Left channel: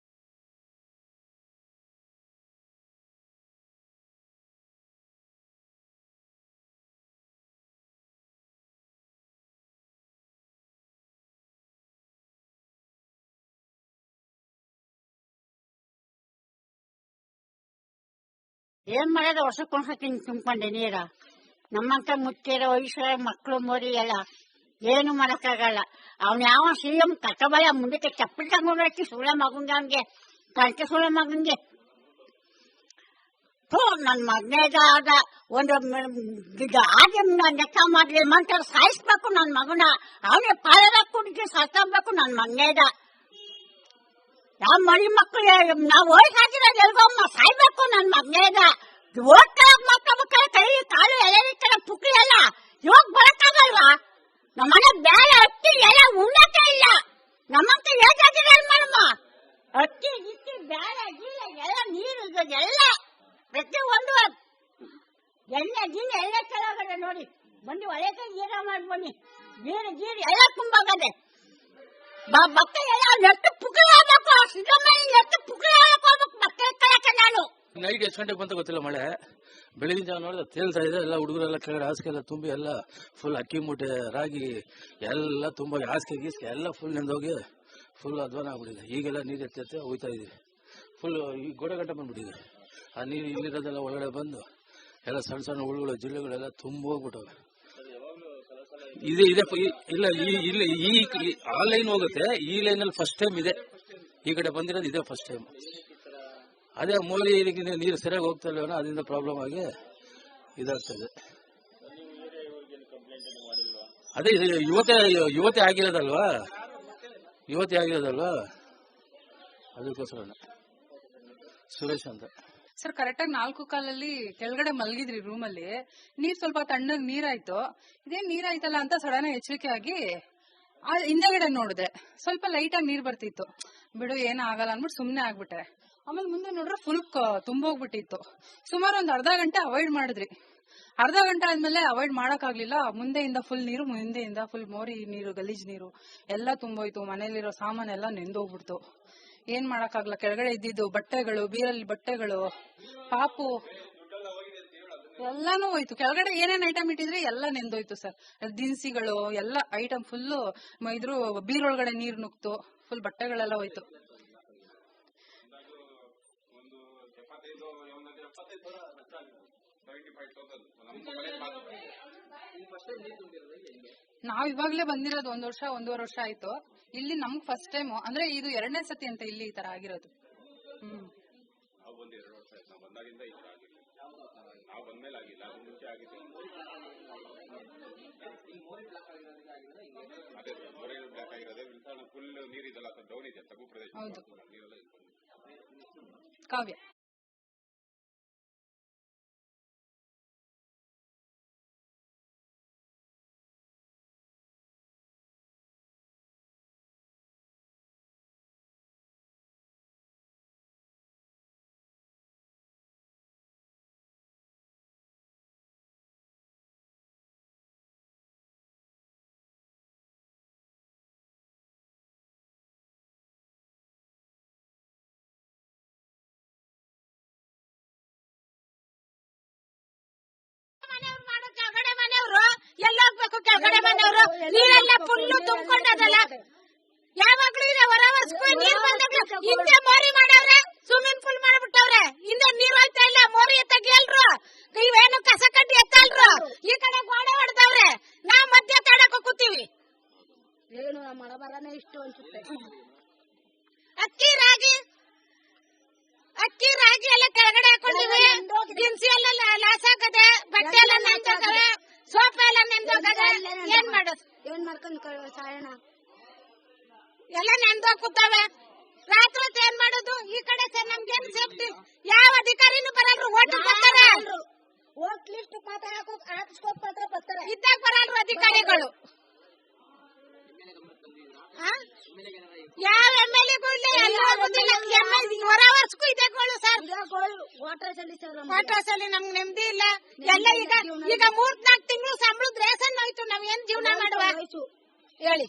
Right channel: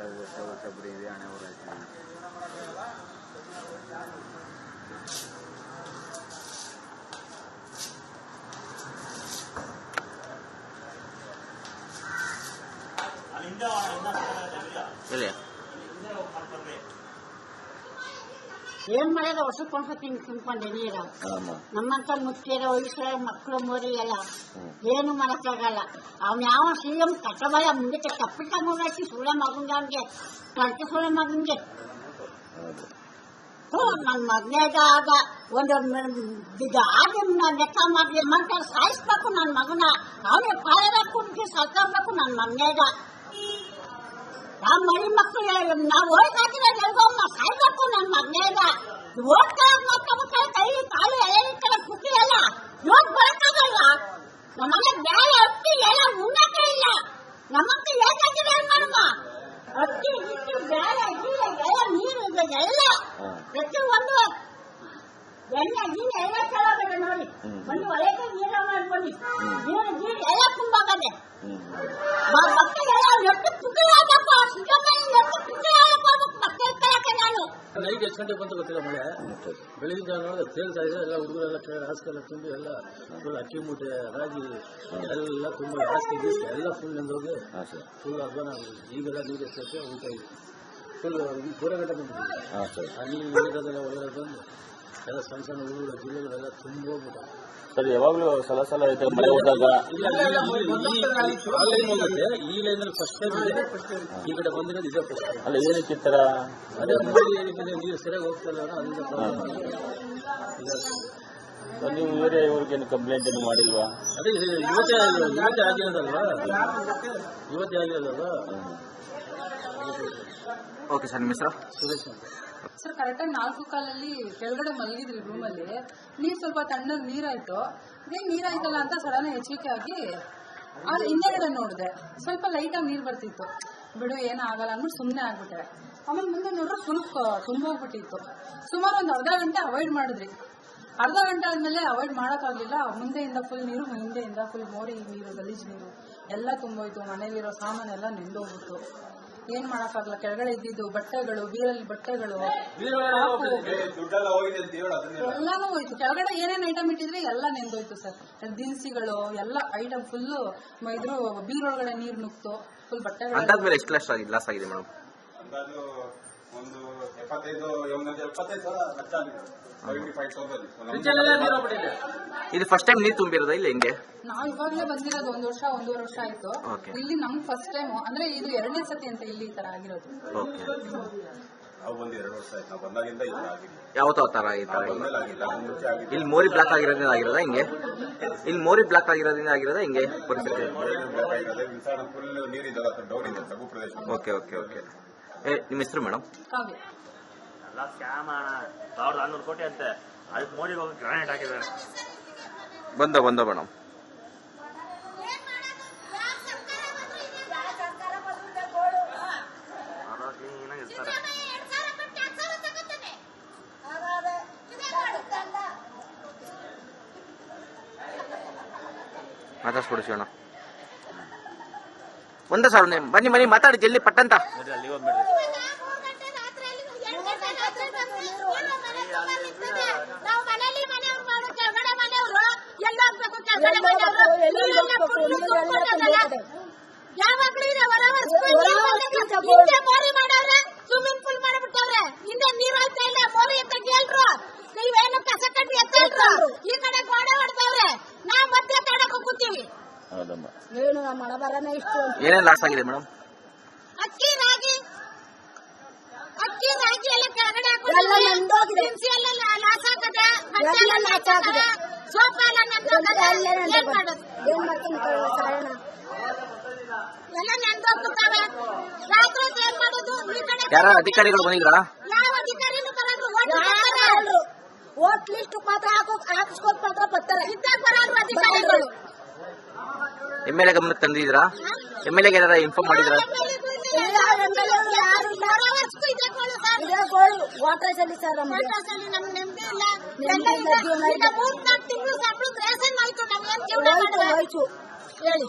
ವರ್ಷ ವರ್ಷ ವರ್ಷ ಬರೀ ಏನ್ ಮಾಡೋದು? ವರ್ಷಕ್ಕೊಂದ್ಸತಿ ತುಂಬ್ಕೊಂಡೆ ನೀರು ನಮ್ಮಂತ ಮುಟ್ಟಿರೋ ವಯಸ್ಸರ ಮಕ್ಕಳು ಮರಿ ಎಲ್ಲ ಏನು ಮಾಡಕ್ಕಾಗಲ್ಲ. ಅವ್ನ ಯಾವ ಸಿಎಂ ಕಟ್ಟಬಯ ಮುಂದಕ್ಕೆ ಚಪ್ಪಲಿ ತಗೊಂಡಾಕಿ ಸುಳ್ಳ ಮಗಂಗೆ ಅವ್ನಿಗೆ ಕಳ್ಕೆ ಸುಳ್ಳ ಮಗಂಗೆ. ನನ್ನ ಮಗನೇದಾದ ಒಂದು ಆಗಿ ಲೆಕ್ಕ ಮಾಡ್ಲಿ ಮಂತ್ರ ಸಾಯಿಸ್ಬೇಕು ನನ್ನ ಮಗನ. ಅವ್ರಿಗೆ ಪಾಲನ ಕುಡಿದು ಸಾಕೋಬೇಕು ನನ್ನ ಮಗನೇದ ನಾವು ಮರಿ ಮಕ್ಕಳು ನಾವು ಹೋಯ್ತಾಕಿನ ಎಲ್ಗೊಮ್ಮ ಸಾಯ್ಬೇಕು ನನ್ನ ಮಗನೇದ ಓಟ್ ಮಕ್ಕಳ ಕೈ ಕಾಲು ಎಲೆ ಪುಕ್ಕಿ ಎಲ್ಲ ಇವಾಗ ಬರಕ್ಕಾಗಲ್ವಾ ನಮ್ಮ ಮನೆ ಬೇರೆ ಅಕ್ಕಿ ಎಲ್ಲ ಉಣ್ಣಕ್ಕೆ ಇಲ್ಲ ನಮ್ಮಕ್ಕ ಬೇಕಾಗಿದೆ ಮಾಡಮ್ಮ ಅಕ್ಕಿ ಗಿಕ್ಕಿ ಬೇರೆ ಗೀರೆ ಎಲ್ಲ ನೀರು ಇದು ಎಲ್ಲ ಹಾಂ ಪ್ರತಿ ಒಂದು ಎಣ್ಣೆ ಗೀರೆ ಎಲ್ಲ ಚೆನ್ನಾಗದೆ ನೋಡಿ ಹ್ಮ್. ಬನ್ನಿ ಒಳಗೆ ನೀರು ಮಾಡಿ ಬನ್ನಿ ನೀರು ಎಷ್ಟು ಗಂಟೆಗೆ ಬಂತ ಗೊತ್ತಿಲ್ಲ ಮಳೆ. ಬೆಳಗಿನ ಜಾವ ನೋಡಿದ್ರೆ ತೇಲ್ತಾ ಇದೆ. ಎಲ್ಲ ಹುಡುಗರೆಲ್ಲ ಕೆಳಗಡೆ ಹಾಸಿಗೆ ಎಲ್ಲ ತುಂಬಿ ಎಲ್ಲ ಫುಲ್ ಅಕ್ಕಿ ಮೂಟೆ ರಾಗಿ ಎಲ್ಲ ತುಂಬ ಹಾಸಿಗೆ ಗೀಸಿಗೆ ಎಲ್ಲ ಫುಲ್ ನೆಂದೋಗಿ ಫುಲ್ ಅಧ್ವಾನ ಈಗೆಲ್ಲ ನೀರು ಎತ್ತಿ ಹೋಗ್ತಾ ಇದೆ ಫುಲ್ ಈ ಗೋಡೆಗಟ್ಟ ಬಂದ್ಬಿಟ್ಟಿದೆ. ಆ ನೀರು ಇಳಿರೋದೆಲ್ಲ ಒಳಗಡೆ ಬಂದು ಎಲ್ಲ ಸಣ್ಣ ಸಣ್ಣ ಹುಡುಗರು ಜಿಲ್ಲೆಗಳೆಲ್ಲ ತುಂಬ ಹೋಗ್ಬಿಟ್ಟು ಸರ್ ಯಾವಾಗಲೂ ಸಲ ಸಲ ಐತೆ ಇದೆ, ಹೋದಾಗ ಇಲ್ಲ ಈ- ಇಲ್ಲಿ ಈ ಆ ಲೈನ್ ಹೋಗುತ್ತೆ. ಈ ಲೈನಲ್ಲಿ ಫಸ್ಟ್ ಟೈಮ್ ಇದೆ. ಈ ಕಡೆ ಬಂದಿರೋದು ಇದೇ ಫಸ್ಟ್ ಟೈಮ್ ಅಲ್ಲ ಏನಕ್ಕೆ ಈ ಅದೇ ಅದೇ ಮೋದಿ ನೀರು ಸರಿಯಾಗಿ ಹೋಗ್ತಾ ಇಲ್ಲ ಅದರಿಂದ ಪ್ರಾಬ್ಲಮ್ ಆಗಿ ಇದಾಗ್ತದೆ ಸರ್, ನೀವು ಬೇರೆ ಇವ್ರಿಗೇನು ಕಂಪ್ಲೇಂಟ್ ಏನು ಮಾಡಿಲ್ವಾ? ಅದೇ ಇದು ಯುವತಿ ಇವತ್ತೇ ಆಗಿರೋದಲ್ವಾ? ಯುವತಿ ಆಗಿರೋದಲ್ವಾ. ಓಕೆ ಸರ್ ನಿಮ್ಮ ಹೆಸರು? ಸುರೇಶ್ ಅಂತ. ಸರ್ ಕರೆಕ್ಟಾಗಿ ನಾಲ್ಕು ಕಾಲಲ್ಲಿ ಕೆಳಗಡೆ ಮಲಗಿದ್ರಿ ರೂಮಲ್ಲಿ ನೀರ್ ಸ್ವಲ್ಪ ತಣ್ಣಗೆ ನೀರಾಯ್ತು. ಇದೇ ನೀರಾಯ್ತಲ್ಲ ಅಂತ ಸಡನ್ ಎಚ್ಚರಿಕೆ ಆಗಿ ಆ ಹಿಂದೆಗಡೆ ನೋಡಿದೆ. ಸ್ವಲ್ಪ ಲೈಟಾಗಿ ನೀರು ಬರ್ತಿತ್ತು. ಬಿಡು ಏನಾಗಲ್ಲ ಅಂದ್ಬಿಟ್ಟು ಸುಮ್ಮನೆ ಆಗ್ಬಿಟ್ಟೆ. ಆಮೇಲೆ ಮುಂದೆ ನೋಡ್ರೆ ಫುಲ್ ತುಂಬೋಗ್ಬಿಟ್ಟಿತ್ತು. ಸುಮಾರು ಒಂದು ಅರ್ಧ ಗಂಟೆ ಅವಾಯ್ಡ್ ಮಾಡಿದ್ರಿ ಅರ್ಧ ಗಂಟೆ ಆದ್ಮೇಲೆ ಅವಾಯ್ಡ್ ಮಾಡೋಕ್ಕಾಗ್ಲಿಲ್ಲ. ಮುಂದೆಯಿಂದ ಫುಲ್ ನೀರು ಹಿಂದೆಯಿಂದ ಫುಲ್ ಮೋರಿ ನೀರು ಗಲೀಜ್ ನೀರು. ಎಲ್ಲ ತುಂಬೋಯ್ತು. ಮನೇಲಿರೋ ಸಾಮಾನೆಲ್ಲ ನೆಂದೋಗ್ಬಿಟ್ಟು ಏನ್ ಮಾಡಕ್ಕಾಗಲ್ಲ? ಕೆಳಗಡೆ ಇದ್ದಿದ್ದು ಬಟ್ಟೆಗಳು ಬೀರಲ್ಲಿ ಬಟ್ಟೆಗಳು ಪಾಪು. ಎಲ್ಲಾನು ಹೋಯ್ತು. ಕೆಳಗಡೆ ಏನೇನ್ ಐಟಮ್ ಇಟ್ಟಿದ್ರೆ? ಎಲ್ಲ ನೆಂದೋಯ್ತು ಸರ್. ದಿನಸಿಗಳು ಎಲ್ಲ ಐಟಮ್ ಫುಲ್ ಇದ್ರು ಬೀರೊಳಗಡೆ ನೀರ್ ನುಗ್ತು. ಫುಲ್ ಬಟ್ಟೆಗಳು ಎಷ್ಟು ಲಾಸ್ ಆಗಿದೆ ಮೇಡಮ್ ಎಪ್ಪತ್ತೈದು ಒಂದು ಎಪ್ಪತ್ತೈದು ಸಾವಿರ ಲಕ್ಷ ಆಗಿದೆ ಸೆವೆಂಟಿ ಫೈವ್ ತೌಸಂಡ್. ಇದು ಫಸ್ಟ್ ಟೈಮ್ ನೀರು ತುಂಬಿರೋದ ಇಲ್ಲ ಹಿಂಗೆ? ನಾವ್ ಇವಾಗ್ಲೇ ಬಂದಿರೋದು ಒಂದ್ ವರ್ಷ ಒಂದೂವರೆ ವರ್ಷ ಆಯ್ತು. Okay. ಇಲ್ಲಿ ನಮ್ ಫಸ್ಟ್ ಟೈಮ್ ಅಂದ್ರೆ ಇದು ಎರಡನೇ ಸತಿ ಅಂತ ಇಲ್ಲಿ ಈ ತರ ಆಗಿರೋದು. ಓಕೆ ನಾವು ಒಂದು ಎರಡು ವರ್ಷ ಆಯ್ತು. ನಾವು ಬಂದಾಗಿಂದ ಇಲ್ಲ ಆಗಿದೆ ಯಾವತ್ತೋ ಆ ಥರ ಆಗಿತ್ತು ಬಂದ್ಮೇಲೆ ಆಗಿಲ್ಲ. ಮುಂಚೆ ಆಗಿದೆ ಇಲ್ಲಿ ಮೋರಿ ಬ್ಲಾಕ್ ಆಗಿರೋದ್ರಿಂದ ಆಗಿರೋದಾ ಹಿಂಗೆ? ಇಲ್ಲಿ ಮೋರಿ ಬ್ಲಾಕ್ ಆಗಿರೋದ್ರಿಂದ ಆಗಿರೋದಾ ಹಿಂಗೆ ಪರಿಸ್ಥಿತಿ? ಬೇಕಾಗಿರೋದೇ ವಿಚಾರ ಫುಲ್ ನೀರಿದ್ದಲ್ಲ ಡೌನ್ ಇದೆ ತಗ್ಗು ಪ್ರದೇಶ. ಓಕೆ ಓಕೆ ಓಕೆ ಏ ನಿಮ್ಮ ಹೆಸರು ಮೇಡಮ್ ಕಾವ್ಯ. ಎಲ್ಲ ಸ್ಕ್ಯಾಮ್ ಸಾವಿರದ ಆರ್ನೂರು ಕೋಟಿ ಅಂತೆ. ಅದಕ್ಕೆ ಮೋದಿಗೆ ಹೋಗಿ ಗ್ರಾನೇಟ್ ಹಾಕಿದ್ದಾರೆ. ಬಂದ ಬಂದ ಮೇಡಮ್ ಇರ್ತಾರೆ ಮಾತಾಡ್ಸ್ಬಿಡು ಶಿವಣ್ಣ. ಒಂದ ಸಾವಿರ. ಬನ್ನಿ ಬನ್ನಿ ಮಾತಾಡಿ ಜಲ್ದಿ ಪಟ್ಟಂತ. ಅಲ್ಲಿ ಹೋಗ್ಬಿಡ್ರಿ ನಾವು ಮನೇಲಿ ಮನೆ ಮಾಡು ಕೆಳಗಡೆ ಮನೆಯವರು ಎಲ್ಲ ನೀರೆಲ್ಲ ಫುಲ್ಲು ತುಂಬಿಕೊಂಡದಲ್ಲ ಯಾವಾಗ್ಲೂ ಇದೆ? ಹೊರ ಹೊಸ್ಕು ನೀರು ಬಂದಾಗ ಹಿಂದೆ ಮೋರಿ ಮಾಡವ್ರೆ ಸ್ವಿಮ್ಮಿಂಗ್ ಪೂಲ್ ಮಾಡ್ಬಿಟ್ಟವ್ರೆ. ಹಿಂದೆ ನೀರು ಇಲ್ಲ ಮೋರಿ ಅಂತ ಕೇಳ್ರು. ನೀವೇನು ಕಸ ಕಟ್ಟಿ ಎತ್ತಲ್ರು. ಈ ಕಡೆ ಗೋಡೆ ಹೊಡ್ತಾವ್ರೆ ನಾವ್ ಮತ್ತೆ ತಡಕ ಏನು ಇಷ್ಟು ಏನೇನು ಲಾಸ್ ಆಗಿದೆ ಮೇಡಮ್? ಅಕ್ಕಿ ರಾಗಿ. ಅಕ್ಕಿ ರಾಗಿ ಎಲ್ಲ ಕೆಳಗಡೆ ಹಾಕೊಂಡಿದ್ದೀವಿ ದಿನಸಿ ಎಲ್ಲ ಲಾಸ್ ಆಗ್ತದೆ ಬಟ್ಟೆ ಎಲ್ಲ ಲಾಸ್ ಸೋಫಾ ಎಲ್ಲ ನೆಂದೋಗ್ತದೆ ಏನ್ ಮಾಡೋದು ಎಲ್ಲ ನೆಂದೋಗ್ತವೆ ರಾತ್ರಿ ಹೊತ್ತು ಏನ್ ಮಾಡೋದು ಈ ಕಡೆ ಯಾರ ಅಧಿಕಾರಿಗಳು ಬಂದಿದ್ರಾ ಯಾವ ಅಧಿಕಾರಿನೂ ಬರಲ್ಲ ಓಟ್ ಬರ್ತಾರೆ ಓಟ್ ಲಿಸ್ಟ್ ಮಾತ್ರ ಹಾಕೋ ಮಾತ್ರ ಬರ್ತಾರೆ. ಇದ್ದಾಗ ಬರಲ್ವ ಅಧಿಕಾರಿಗಳು. ಎಂ ಎಲ್ ಎ ಗಮನಕ್ಕೆ ತಂದಿದ್ದೀರಾ? ಎಂ ಎಲ್ ಎಗೆ ಏನಾರ ಇನ್ಫಾರ್ಮ್ ಮಾಡಿದ್ರಾ? ವಾಟ್ರಸಲ್ಲಿ ನಮ್ಗೆ ನೆಮ್ಮದಿ ಇಲ್ಲ. ಈಗ ಮೂರ್ನಾಲ್ಕು ತಿಂಗಳು ಸಂಬಳ ಜೀವನ ಹೇಳಿ.